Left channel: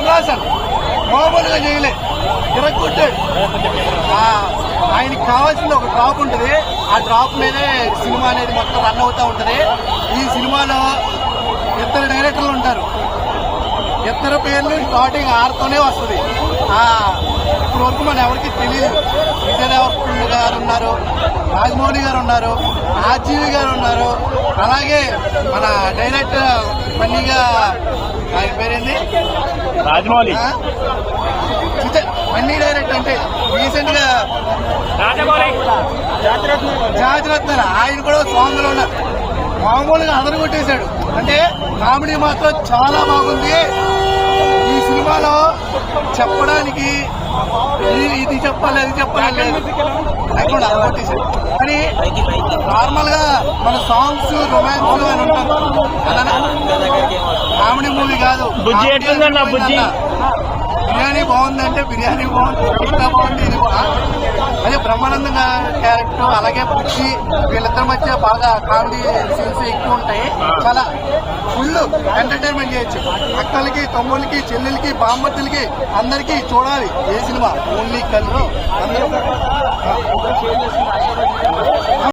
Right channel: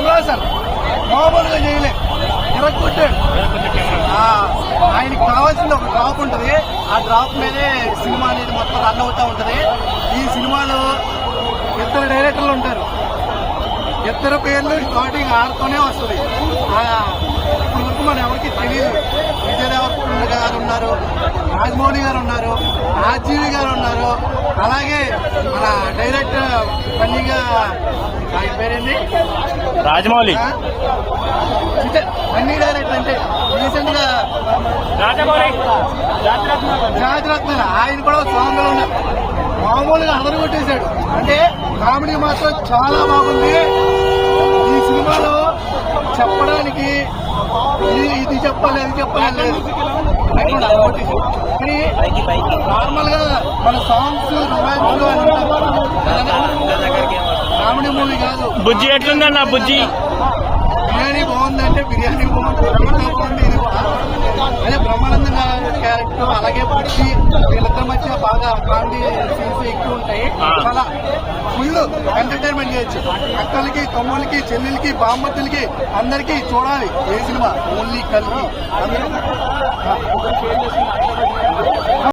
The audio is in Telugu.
కమలాసన్ మామూలుగా చేయలే, ఇరగొట్టాడు. ఆయనకి కావాల్సింది ఒక డ్రాప్ ఉంటుంది, ఆ డ్రాప్ మీదే సినిమా అనేది మొత్తం రన్ అవుతూ ఉంటుంది. ఈ సినిమాలో ఇద్దరు డైరెక్టర్లు ఉంటారు, ఇద్దరు పేర్లు స్టార్టింగ్ ఆరుతోనే వస్తుంది. ఇప్పుడు వరకు మన ఎవరికి తెలియదు. విజయ్ దేవరకొండ గారు ఉన్నారు, రాజమౌళి గారు ఉన్నారు, ఆర్జీవి గారు ఉన్నారు, అలాగే మన డైరెక్టర్ ఫన్నీగా ఆయన పేరేంది రాజమౌళి, ఫన్నీ డైరెక్టర్ అంటే రీసెంట్ గా జాతిరత్న ఆయన కూడా సాంగ్ లో ఉన్నారు. మామూలుగా అందరూ కొట్టేశాడు. అంటే కామెడీ మాత్రం చాలా బాగుంది. ఈ సినిమాలో చెప్పడానికి ఇది చెప్పాలి అది చెప్పాలి లేదు, లేకుండా కొట్టేశాడు. కానీ నార్మల్ గా మన సాంగ్స్ రొమాన్స్ అని ఉంటాయి, కామెడీ మూవీ కాదు. బుజ్జి ఎట్లుందన్న బుజ్జి? బిర్యానీ బాగుందంటే బిర్యానీ బాగుంది, ఇంకా బాగుంది. ఇది అదే బ్రహ్మానందం క్యారెక్టర్, అలాగే బుజ్జి, వీళ్ళిద్దరి మధ్య బాగా కామెడీ సీన్స్ ఎక్కువ ఉంటాయి. చాలా ఫుల్ ఎంటర్టైన్మెంట్ చేయొచ్చు. అక్కలకి, తమ్ముళ్ళకి, చెల్లెలకి, బామ్మతులకి అందరికీ చూడాలి ఏ సినిమా. ఓన్లీ కలిగి అందరూ